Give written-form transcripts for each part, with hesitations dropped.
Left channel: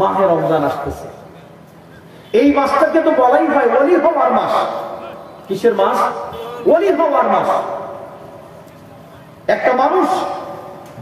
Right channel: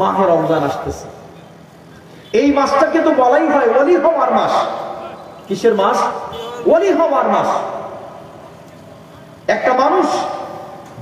মাহে রমজান আসতেছে, এই মাসটাকে তো বলাই হয় ওলি হওয়ার মাস। কিসের মাস? ওলি হওয়ার মাস। একটা মানুষ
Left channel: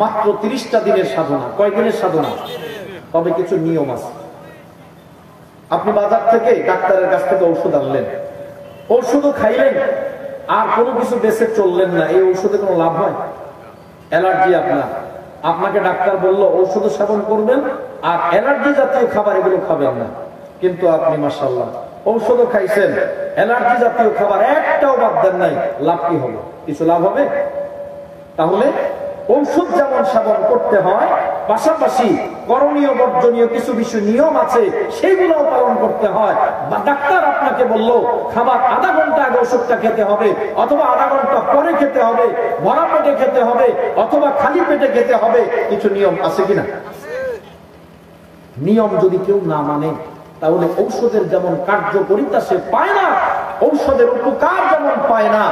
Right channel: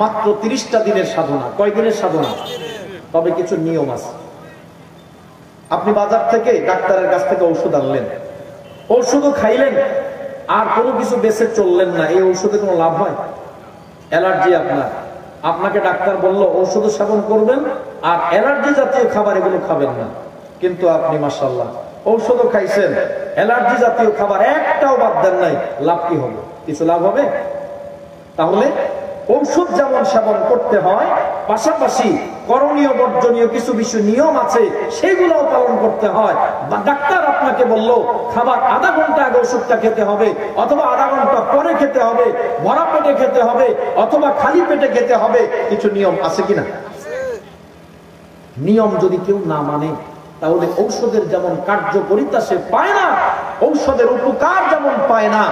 মাত্র 30টা দিনের সাধনা। কয় দিনের সাধনা? তবে কিছু নিয়ম আছে। আপনি বাজার থেকে ডাক্তারের কাছ থেকে ঔষধ আনলেন, ঔষধও খাইলেন, আর কোনো কিছু বেঁচে চললেন না, এই ঔষধে কোনো লাভ হয়? অ্যালার্জি আপনাকে ডাক্তার বলল ঔষধ সেবন করবেন আর অ্যালার্জি জাতীয় খাবার এগুলো খাবেন না, কিন্তু আপনি মাশাআল্লাহ ঔষধও খাইছেন, অ্যালার্জি জাতীয় খাবার একটাও বাদ দেন নাই, লাভ কি হবে? কিছু লাভ হবে? তাহলে ঔষধ যেমন সেবন করতে হয়, পাশাপাশি করণীয় বর্জনীয় কিছু কিছু নিয়ম আছে, সেইগুলোও পালন করতে হয়। বা ডাক্তার আপনাকে বলল খাবার আধা ঘন্টা আগে ওষুধটা খেতে হবে, অথবা আধা ঘন্টা পরে খেতে হবে, ভরা পেটে খেতে হবে, অথবা খালি পেটে খেতে হবে, কিছু নিয়ম আছে কিনা? নিয়ম যদি কেউ না মানে, তাহলে ঔষধের যেমন কার্যকারিতা সে পায় না, ঔষধের উপকার যেমন পায় না,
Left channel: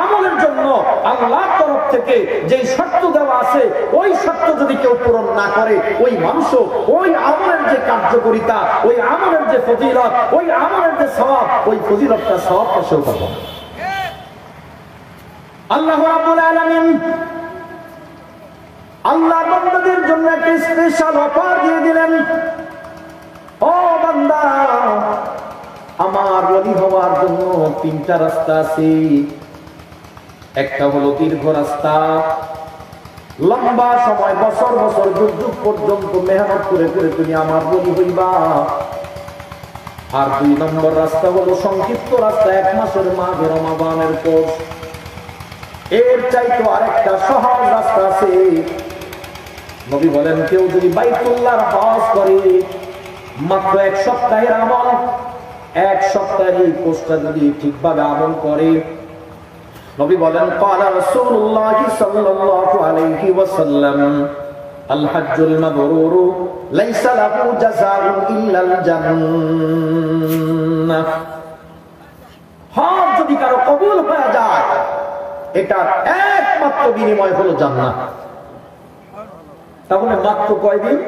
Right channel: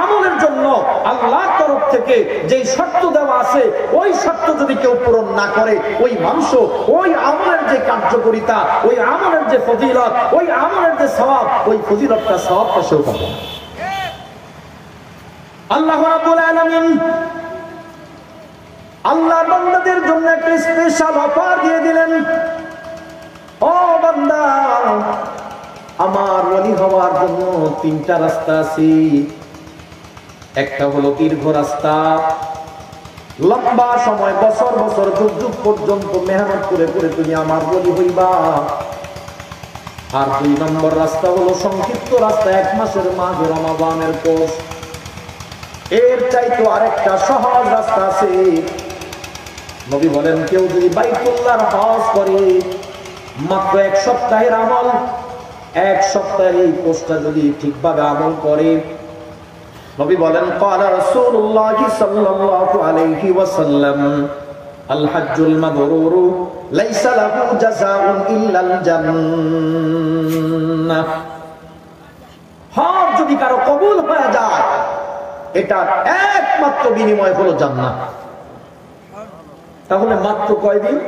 আমলের জন্য আল্লাহর তরফ থেকে যে শর্ত দেওয়া আছে, ওই শর্ত যদি কেউ পূরণ না করে, ওই মানুষ ওই আমলের যে কার্যকারিতা, ওই আমলের যে ফজিলত, ওই আমলের যে সওয়াব, ওই ফজিলতটা সওয়াবটা সেও পাবে না। আল্লাহ রাব্বুল আলামিন আল্লাহর বান্দাদের জন্য একটা স্পেশাল অফার দিয়ে দিলেন। ও বান্দা, আমার ওলি হওয়ার জন্য 3টা রাস্তা আছে। একটা হলো দীর্ঘ রাস্তা, লম্বা সময় বছর বছর যুগ যুগ পর্যন্ত মেহনত করে করে তুমি আমার ওলি হইবা। আর 2 নম্বর রাস্তা হলো সংক্ষিপ্ত রাস্তা, 1 মাসের মাঝে রমাদানের কোর্স। এর চাইতে আরেকটা সহজ রাস্তা আছে। নবী বলেন, কেউ যদি বাইতুল্লাহর হজ করে, মাত্র 1 সপ্তাহের আমল, 1 সপ্তাহের এই কোর্সটা যদি ঠিকভাবে আমল করে, নবী বলেন, ক্বালা রাসূলুল্লাহ সাল্লাল্লাহু আলাইহি ওয়াসাল্লাম, আল হজ্জুল মাবরুর লাইসা লাহু জাযাউন ইল্লাল জান্নাহ। হজ যদি কারো কবুল হয়ে যায়, এটা একমাত্র বিনিময় হলো জান্নাত। তাহলে মাত্র কয়দিন?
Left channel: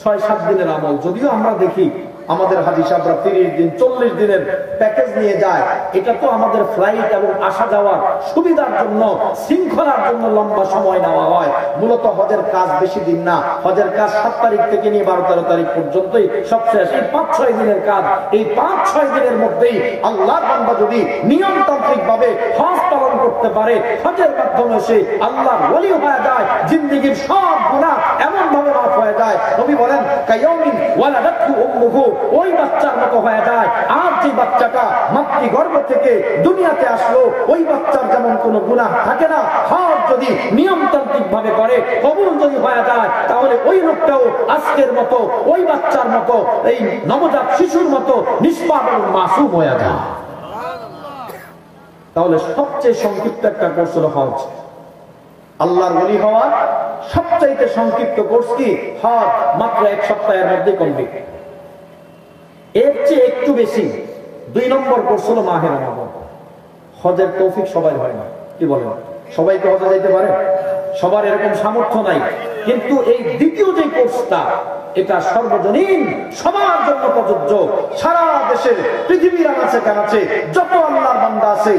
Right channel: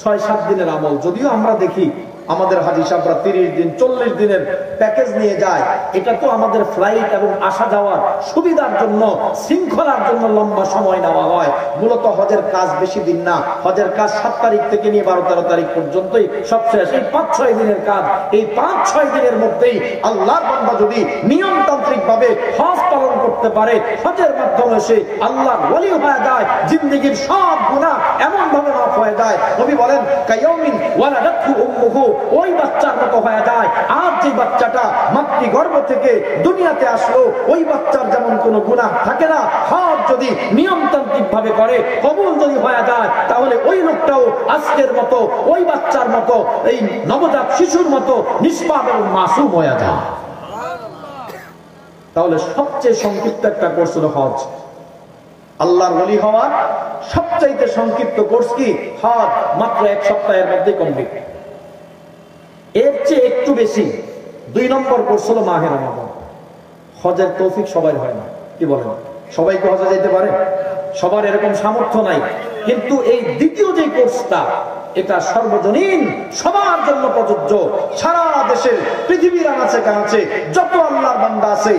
6-7 দিনের আমল। যদিও আমরা দেখি আমাদের হাজী সাহেবরা 30 দিন 40 দিনের প্যাকেজ নিয়ে যায়, এটা তো আমাদের ফ্লাইট এবং আসা যাওয়ার সুবিধার জন্য, শৃঙ্খলার জন্য লম্বা সময় নেওয়া হয়। মূলত হজের কাজ বেশি দিন না, হজের কাজ 7 তারিখ থেকে নিয়ে 12-13 তারিখ পর্যন্তই সব শেষ। এই 5-6 দিনের কাজ, এই 5-6 দিনের মধ্যেই আল্লাহর বান্দা যদি নিয়মতান্ত্রিক ভাবে হজ পালন করতে পারে, হজের মাধ্যমে সে আল্লাহর ওলি হয়ে যায়, জিন্দেগীর সব গুনাহ এমন ভাবে মাফ হয়ে যায়। নবী বলেন, কায়াউমিন ওয়ালাদাতহু উম্মুহু, ওই বাচ্চার মতো হয়ে যায়। আর যে বাচ্চাটা মাতৃগর্ভ থেকে দুনিয়াতে আসলো, ওই বাচ্চার যেমন কোনো গুনাহ থাকে না, হজ যদি নিয়মতান্ত্রিক ভাবে করে, কবুল যদি হয়ে যায়, তাহলে ওই লোকটাও আজকের মতো, ওই বাচ্চার মতো, এই নবজাত শিশুর মতো নিষ্পাপ এবং মাসুম হয়ে যায়। তাহলে সবচেয়ে সংক্ষিপ্ত একটা কোর্স হলো হজ। আল্লাহর ওলি হওয়ার সবচাইতে সংক্ষিপ্ত কোর্স কি? হজ। মাত্র 1 সপ্তাহের মধ্যে কমপ্লিট। এর চেয়ে একটু বেশি 2 নম্বর কোর্স হলো মাহে রমাদান। হজের তৌফিক সবাই হয় না, কি বলেন? সবাই কি হজে যেতে পারে? সবার এরকম সামর্থ্য নাই। কিন্তু এই দ্বিতীয় যে কোর্সটা, এটা সর্বজনীন, সবার জন্য প্রযোজ্য। সারা দেশের পৃথিবীর আনাচে কানাচে যত আল্লাহর বান্দা আছে,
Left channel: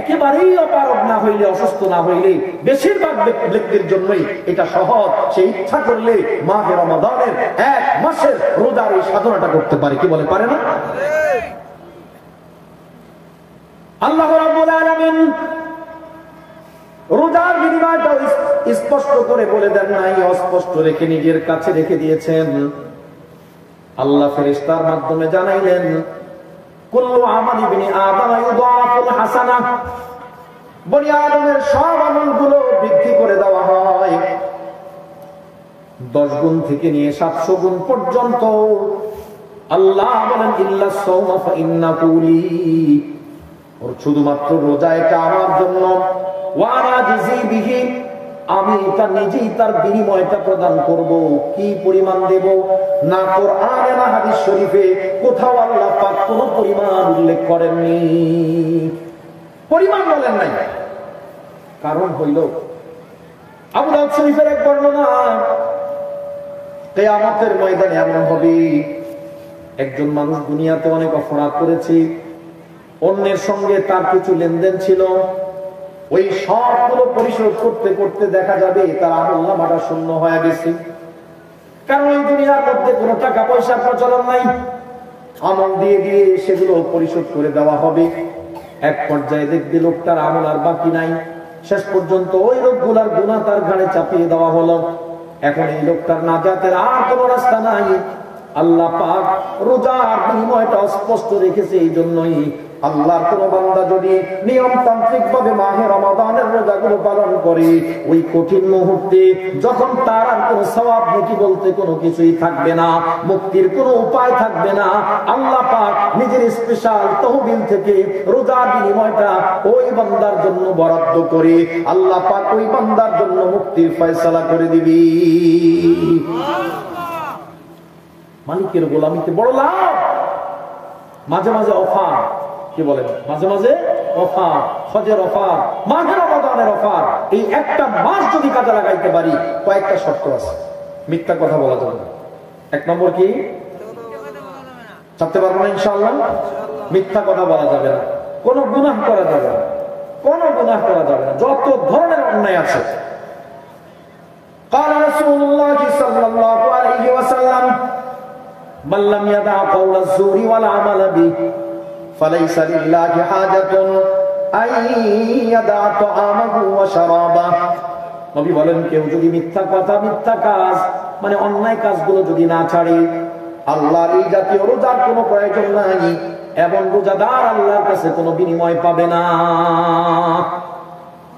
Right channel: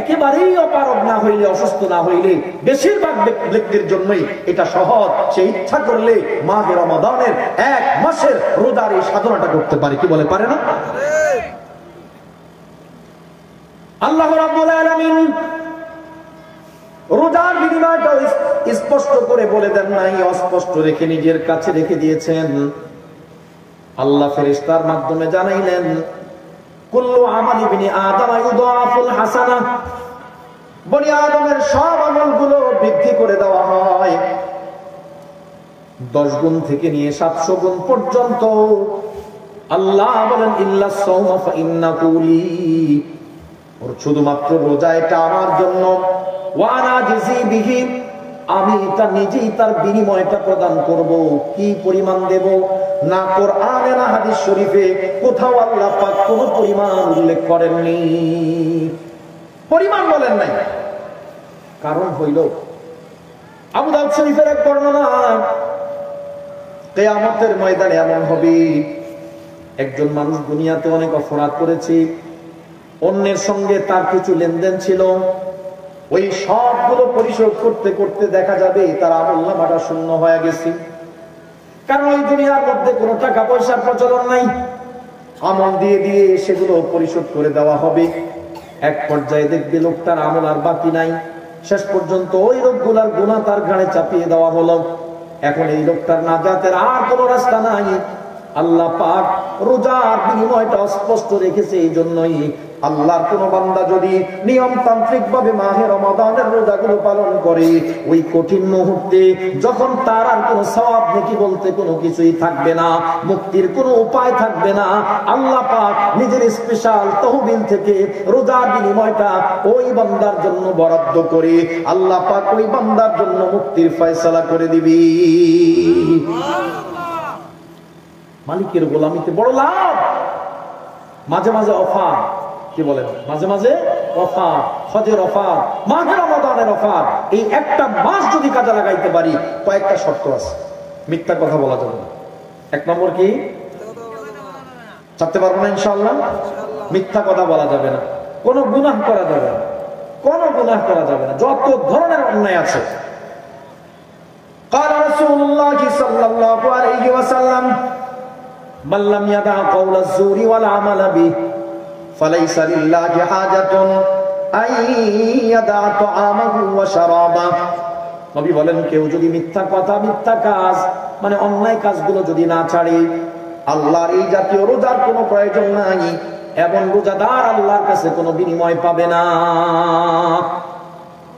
একেবারেই অপারগ না হইলে, অসুস্থ না হইলে, বেশিরভাগ ব্যক্তির জন্যই এটা সহজ। সে ইচ্ছা করলে মাহে রমাদানের 1 মাসের রোজার এই সাধনাটা করতে পারে, কি বলে? পারে না? আল্লাহ রাব্বুল আলামিন রোজার বিনিময়টা স্পষ্ট করে বলে দেন নাই, অস্পষ্ট রেখে নিজের কাছে রেখে দিয়েছেন। আল্লাহ ফেরেশতার মাধ্যমে জানাইলেন, কুল্লু আমালি বিনি আদম ইউদাফুল হাসানাহ, বনি আদমের সব আমলগুলো বৃদ্ধি করে দেওয়া হয় 10 গুণ থেকে নিয়ে 700 গুণ পর্যন্ত। আল্লাহ বলেন, ইল্লা সাওমা ফা ইন্নাহু লি, ওর শুধুমাত্র রোজা এটা আমার জন্য। ওয়া আনা জিজি বিহি, আমি এটা নিজেই তার বিনিময়টা প্রদান করব। কি পরিমাণ দেব? না কোরআনে না হাদিস শরীফে কোথাও আল্লাহ পাক কোন পরিমাণ উল্লেখ করেননি, পরিমাণ বলেন নাই। কারণ হইল, আবু দাউদ শরীফের এক বর্ণনা, কিয়ামতের ময়দানে এমন হবে, একজন মানুষ দুনিয়াতে অনেক অপরাধ করেছে, অন্যের সঙ্গে তার কিছু লেনদেন ছিল, ওই সবগুলো পরিশোধ করতে করতে দেখা যাবে তার আমলনামাটা শূন্য হয়ে গেছে। কারণ ওই দুনিয়ার মধ্যে কোনো টাকা পয়সার প্রচলন নাই, আমল দিয়ে দিয়ে সেগুলো পরিশোধ করে দেওয়া হবে। এক পর্যায়ে দেখবে লোকটার আমল আর বাকি নাই, শেষ পর্যন্ত ওই লোকগুলার গুনাহ তার ঘাড়ে চাপিয়ে দেওয়া হলো। এখন এই লোকটার নাজাতের আর কোনো রাস্তা নাই। আল্লাহ পাক রোজার বিনিময়টা স্পষ্ট রেখেছে। এই জন্যই আল্লাহর কোন বান্দা যদি নিয়মতান্ত্রিক ভাবে মাহে রমাদানের রোজাগুলো পালন করে, ওই কঠিন মুহূর্তে যখন তার আর কোনো সওয়াব নেকি বলতে কোনো কিছুই থাকবে না, মুক্তির কোনো উপায় থাকবে না, আল্লাহ পাক নিজের স্পেশাল তহবিল থেকে রোজার বিনিময়টা ওই বান্দার জন্য বরাদ্দ করে আল্লাহ পাক ওই বান্দার জন্য মুক্তির ফয়সালা করে দিবি। মালিকের গোলামিতে বড় লাভ। মাঝে মাঝে অফার, কি বলেন, মাঝে মাঝে অফার, হজের অফার, মাহে রমাদানের অফার। এই একটা মাস যদি কাজে লাগাইতে পারি, কয়েকটা শর্ত আছে। মিথ্যা কথা বলা যাবে না। এক নম্বর কি, ছাড়তে পারবো না ইনশাআল্লাহ। মিথ্যা কথা বলা যাবে না, কোনো গুনাহ করা যাবে না, কোনো গুনাহ করা যাবে না, যত ধরনের অন্যায় আছে। قال رسول الله صلى الله عليه وسلم من لم يدع قول الزور والعمل به فليس لله حاجة أن يدع طعامه وشرابه। নবী বলেন, কেউ যদি মিথ্যা কথা, মিথ্যা কাজ, মানে অন্যায় কাজগুলো যদি না ছাড়ে, আল্লাহর এই জাতীয় রোজার কোনো প্রয়োজন নাই, এবং রোজাদার আল্লাহর কাছে কোনো বিনিময় পাবে না।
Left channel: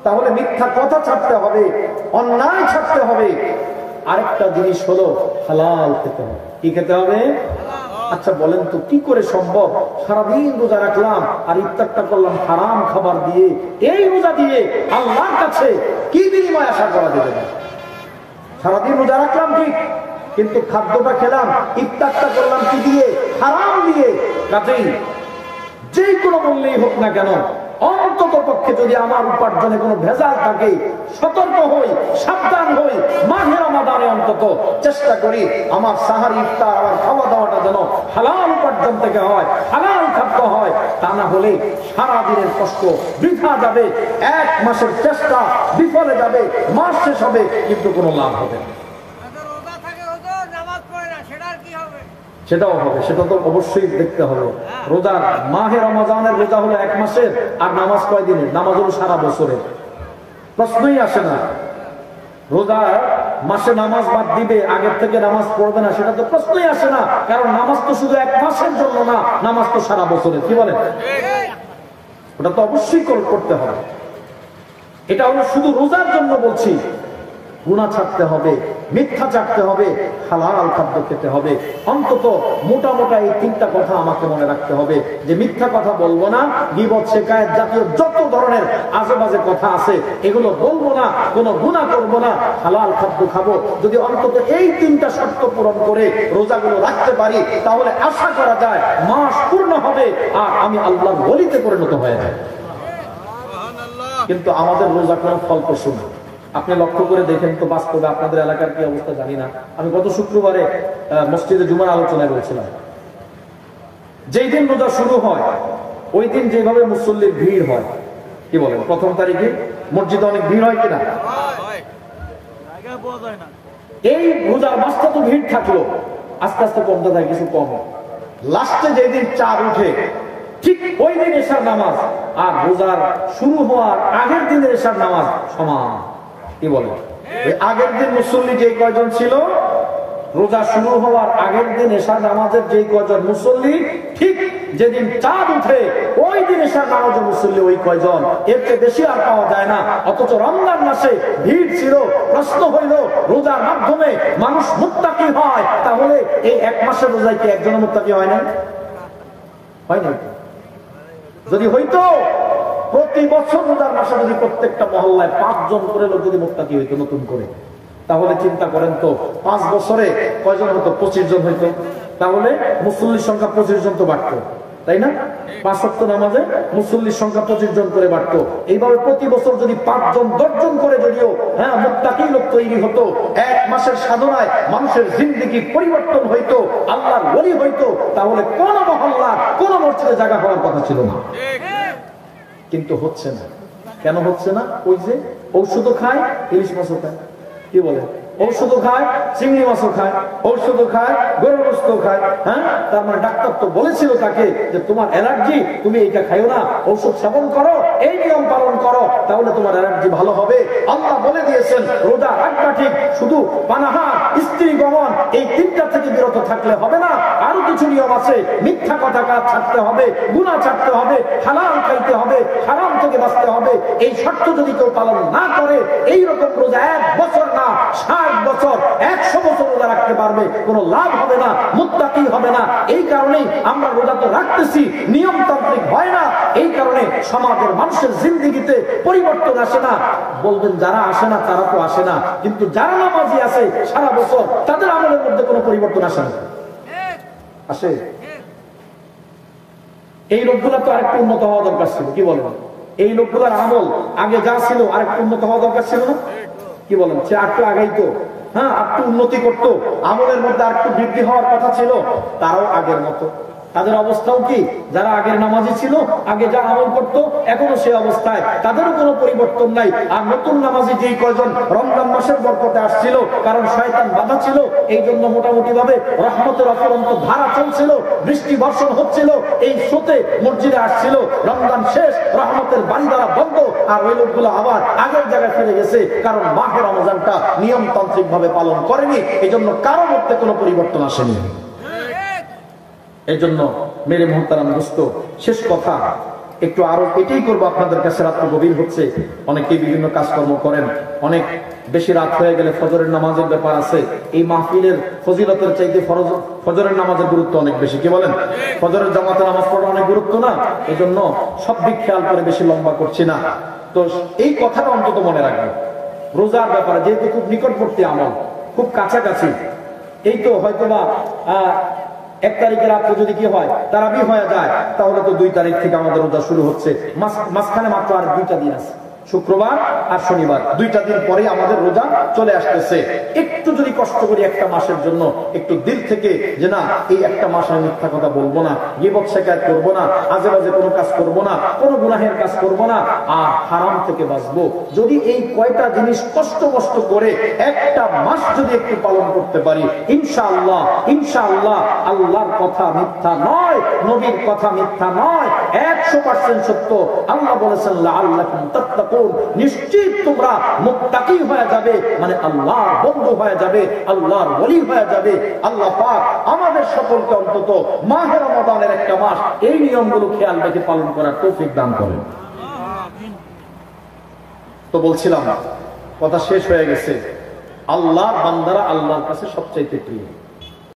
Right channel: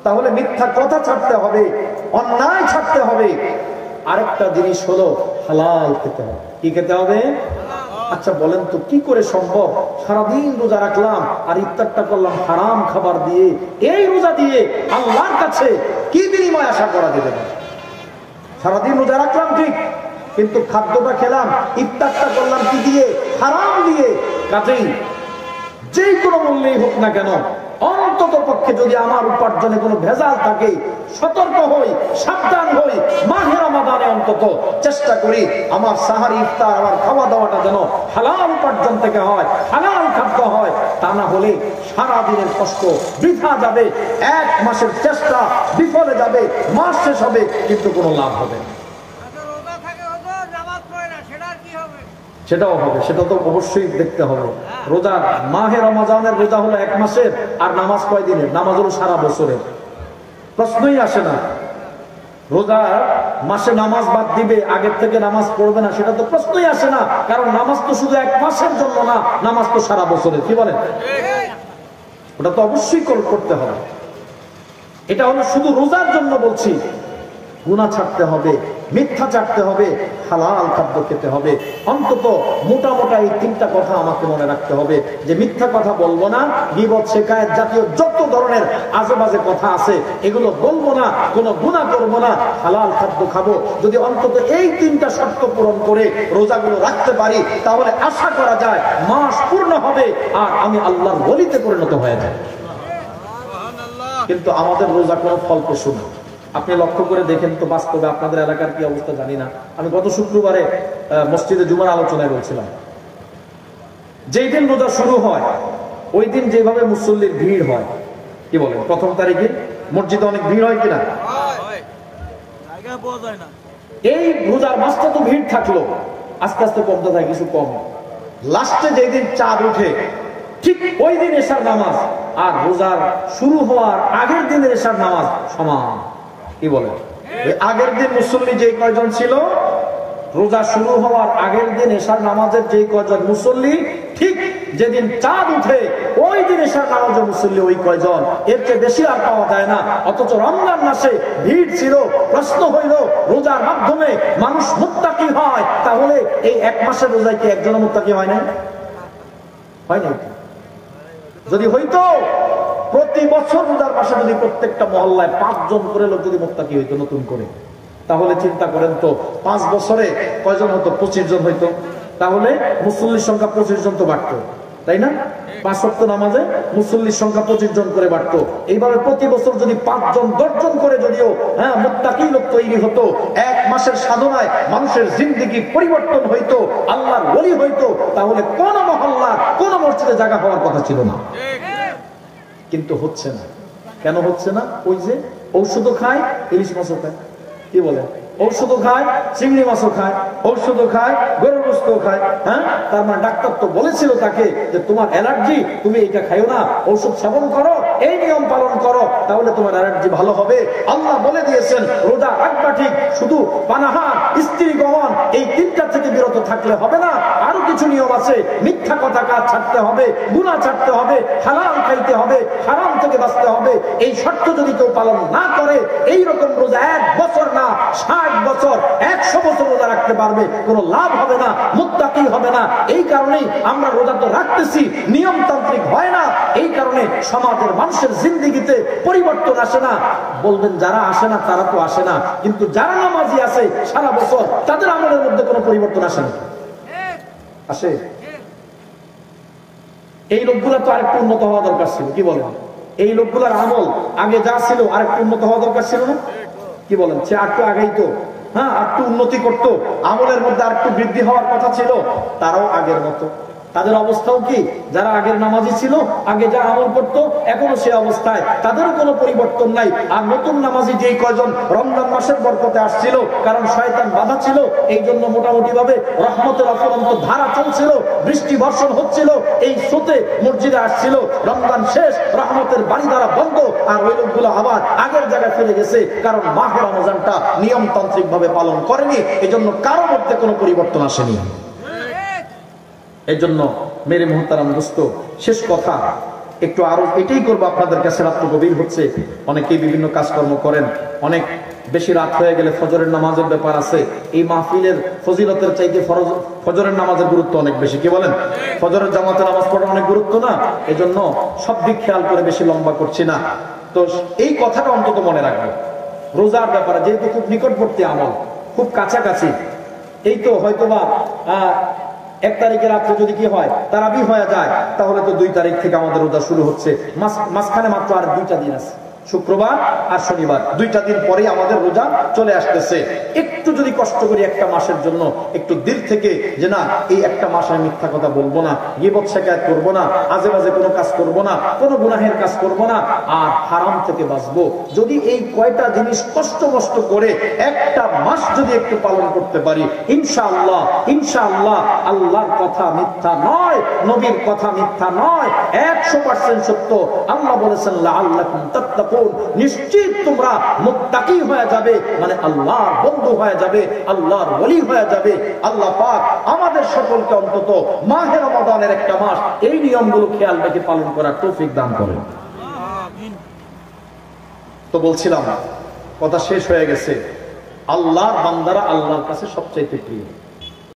তাহলে মিথ্যা কথা ছাড়তে হবে, অন্যায় ছাড়তে হবে। আরেকটা জিনিস হলো হালাল খেতে হবে। কি খেতে হবে? আচ্ছা বলেন তো, কি করে সম্ভব সারাদিন রোজা রাখলাম আর ইফতারটা করলাম হারাম খাবার দিয়ে? এই রোজা দিয়ে আল্লাহর কাছে কি বিনিময় আশা করা যাবে না? সারাদিন রোজা রাখলাম ঠিক, কিন্তু খাদ্যটা খেলাম, ইফতারটা করলাম কি দিয়ে? হারাম দিয়ে। কাজেই যেই কোনো মূল্যেই হোক না কেন, অন্তত পক্ষে যদি আমার উপার্জনে কোনো ভেজাল থাকে, সতর্ক হই, সাবধান হই। মাহে রমাদানে অন্তত চেষ্টা করি আমার সাহারি, ইফতার, আমার খাওয়া দাওয়াটা যেন হালাল উপার্জন থেকে হয়, হালাল খাদ্য হয়। তা না হলে সারা দিনের কষ্ট বৃথা যাবে, এক মাসের চেষ্টা বিফলে যাবে, মাস শেষ হবে কিন্তু কোনো লাভ হবে না। সেটাও হবে, সেটা তো অবশ্যই দেখতে হবে। রোজা, মাহে রমজানের রোজা হলো এক মাসের, আর নামাজ কয় দিনের? নামাজ হলো সারা বছরের। প্রশ্নই আসে না। রোজা মাসে নামাজ বাদ দিবে, আগের থেকে নামাজ পড়বে না, সেটা তো প্রশ্নই আসে না। কারণ নামাজ তো শুধু এক মাসের জন্য না, নামাজ তো সারা বছরের। কি বলেন? ওটা তো অবশ্যই করতে হবে। এটা হলো শুধু রোজার জন্য বলছি। গুনাহ ছাড়তে হবে, মিথ্যা ছাড়তে হবে, হালাল খাদ্য খেতে হবে। অন্তত মোটা মোটা এই তিনটা কথা আমাকে মনে রাখতে হবে, যে মিথ্যা কথা বলবো না, গীবত, শিকায়েত জাতীয় যত ধরনের আজেবাজে কথা আছে এগুলো বলবো না, কোনো গুনাহ করবো না, হালাল খাদ্য খাবো। যদি অন্তত এই তিনটা শর্ত পূরণ করে রোজাগুলো রাখতে পারি, তাহলে আশা করা যায় মাস পূর্ণ হবে আর আমি আল্লাহর ওলিতে পরিণত হয়ে যাই। কিন্তু আমাদের রোজা কোনো ফলপ্রসূ না। আপনি লক্ষ্য করে দেখেন তো, বাস্তবে আপনাদের এলাকার কি অবস্থা জানি না। আমি গত শুক্রবারে মসজিদে জুমার আলোচনায় বলছিলাম, যেই দিন রোজা শুরু হয় ওই দিন যেভাবে মুসল্লির ভিড় হয়, কি বলেন, প্রথম তারিখে মসজিদে অনেক ভিড় হয় কিনা? এই রোজার মাসটা তো ভিড় থাকলো, আস্তে আস্তে কমতে থাকে, কিছু কম। লাস্টে যেদিন চাঁদ উঠে, ঠিক ওই দিন এশার নামাজ আর রোজার শুরু হওয়ার আগের দিনের এশার নামাজ সমান। কি বলে, আগের দিন মুসল্লি যে কয়জন ছিল, রোজা শুরু হওয়ার আগের দিন এশার নামাজের যে কয়জন মুসল্লি, ঠিক যেদিন চাঁদ উঠে ওই দিন এশার নামাজের মুসল্লি ওই কয়জন, এর চেয়ে বেশি আর পাওয়া যায় না। অথচ রমজান মাসে ভিড় ছিল। প্রশ্ন হইল, রোজার মাধ্যমে মানুষ মুত্তাকি হয়, তাহলে এই এক মাসের রোজায় কি একজনের মুত্তাকি হয় না? হয় না? যদি হইতো, প্রতি বছর রোজার মাসে যদি প্রত্যেকটা মহল্লায় 5 জন করে লোক যদি মুত্তাকি হইতো নতুন করে, তাহলে চিন্তা করেন তো 5 বছরে কয়জন হতো? 25 জন হইতো। তাহলে মুসল্লির সংখ্যা 25 জন তো বাড়তো। তাই না? 5 ওয়াক্ত নামাজে মুসল্লির সংখ্যা 25 জন করে বাড়তো। এইভাবে প্রতি বছর যদি 5 জন 10 জন করে যদিও মুত্তাকি লোক তৈরি হতো, 1 মাসের সাধনায় মানুষের জিন্দেগি পরিবর্তন হইতো, আল্লাহর ওলি হইতো, তাহলে কোন মহল্লা কোন মসজিদে জায়গা হওয়ার কথা ছিল না। কিন্তু হচ্ছে না। কেন হচ্ছে না? ওই যে ঔষধও খায়, ইলিশ মাছও খায়, কি বলে, ঔষধও খায়, চিংড়ি মাছও খায়, ঔষধও খায়, গরুর গোশত খায়। তার মানে ডাক্তার তো বলেছিল তাকে যে তোমার অ্যালার্জি, তুমি এইটা খাইও না, ঔষধ সেবন করো, এই নিয়ম পালন করো, তাহলে তোমার অ্যালার্জি ভালো হবে। আল্লাহ বলে দিয়েছেন রোজা রাখবা ঠিক, শুধু পানাহার, স্ত্রী গ্রহণ, এই 3টা থেকে বিরত থাকলে হবে না। আরো কিছু নিয়ম আছে। মিথ্যা কথা কাজ ছাড়তে হবে, গুনাহ ছাড়তে হবে, হালাল খাইতে হবে, হারাম থেকে বাঁচতে হবে। এই শর্ত যদি কেউ পালন না করে, এইরকম রোজা 1 বছর না 60 বছর 100 বছর রোজা রাখতে পারবে, কোনো লাভ হবে না, মুত্তাকি হবে না। এই কারণেই আমরা রোজা তো রাখতেছি, নিয়মতান্ত্রিক হয় না। এই কারণে সমাজের মানুষের জিন্দেগিতে পরিবর্তন আসে না। বলবেন যারা আসে না তারা তো আসে না, কিন্তু যারা নামাজি আছে সারা বছর, তাদের আমলের মধ্যে কোনো পরিবর্তন আসে না, আসে? এই লোকগুলো তো আরেকটু উন্নত হওয়া দরকার ছিল, কি বলেন? এই লোকগুলোর আমল আগে যা ছিল আরেকটু উন্নত হওয়া দরকার ছিল না, কি বলেন? সে আরেকটু আগাইতো, আরেকটু উন্নতি করতো, আমলের মধ্যে আরেকটু বৃদ্ধি হওয়ার কথা ছিল। তারাও আগের মতো, তাদের অবস্থাও কি, যারা আগের নামাজি ছিল, আগে যা আমল করতো, এখনো সে অবস্থায়, তাদেরও কোনো পরিবর্তন নাই। আর নতুন নামাজি যেই কয়জন রমজান মাসের বরকতে আসছিল, কারণ শয়তান বাধা ছিল, এই জন্য মোটামুটি ভাবে রহমতের অফুরন্ত ধারা চলছিল, বৃষ্টি বর্ষণ হচ্ছিল, এই স্রোতে মসজিদে আসছিল। রমজান শেষ, রহমতের বাড়ি দ্বারা বন্ধ, আর ওই লোকগুলো আবার আগের জায়গায় ফিরে গেছে, কারণ মাহে রমজানটা নিয়মতান্ত্রিক ভাবে পালন করেনি, এই জন্য কারো মধ্যে কোনো পরিবর্তন আসেনি। এই জন্য মেরে মুহতারাম দোস্ত, শেষ কথা একটু আরো এটাই করবো আপনাদের কাছে। রাত্র গভীর হচ্ছে, অনেকেই বিভিন্ন কাজকর্ম করেন, অনেক বেশি রাত হয়ে গেলে ফজরের নামাজের ব্যাপার আছে। এই মাহফিলের ফজিলতের চাইতে ফজরের নামাজের গুরুত্ব অনেক বেশি, কি বলেন? ফজরের জামাতে নামাজ পড়া অনেক গুরুত্ব না? এই জন্য সব দিক খেয়াল করে বেশি লম্বা করছি না। তো এই কথাটা অন্তত মনে রাখবেন রোজার ব্যাপারে, যেহেতু খুব নিকটবর্তী আমল, খুব কাছাকাছি। এই তো হয়তোবা 1 তারিখের রাত্রে যদি কি হয়, তারাবি হয়ে যায়, তাহলে তো 2 তারিখ থেকে আমাদের রোজা শুরু হচ্ছে। মাঝখানে মাত্র আর 2টা দিন আছে, শুক্রবার আর শনিবার, 2টা দিন পরে আমাদের রোজা চলে আসতেছে। একটু যদি কষ্ট করি একটা মাসের জন্য, একটু দিল থেকে যে না, এই একটা মাস আমি মিথ্যা কথা বলবো না, গীবত শিকায়ত করবো না, আজে বাজে কোনো কাজ করবো না, কোনো গুনাহের কাজ করবো না, আর হারাম থেকে বাঁচবো। যদি এই কয়টা জিনিস কষ্ট করে একটা মাস যদি একটু পালন করতে পারি, ইনশাআল্লাহ ইনশাআল্লাহ আল্লাহর কথা মিথ্যা নয়, নবীর কথা মিথ্যা নয়, 100% সত্য। আল্লাহ বলেছেন লাআল্লাকুম তাত্তাকুন, নিশ্চিত তোমরা মুত্তাকি হয়ে যাবে, মানে আল্লাহর বন্ধু হয়ে যাবে, আল্লাহর ওলি হয়ে যাবে। আল্লাহ পাক আমাদের সকলকে অন্তত মাহে রমাদানের একটা মাস এই নিয়মগুলো খেয়াল রেখে পালন করার তৌফিক দান করেন। তো বলছিলাম, কথা শেষ হয়ে গেছে। আল্লাহর বান্দারা আল্লাহর কাছে সবচাইতে প্রিয়।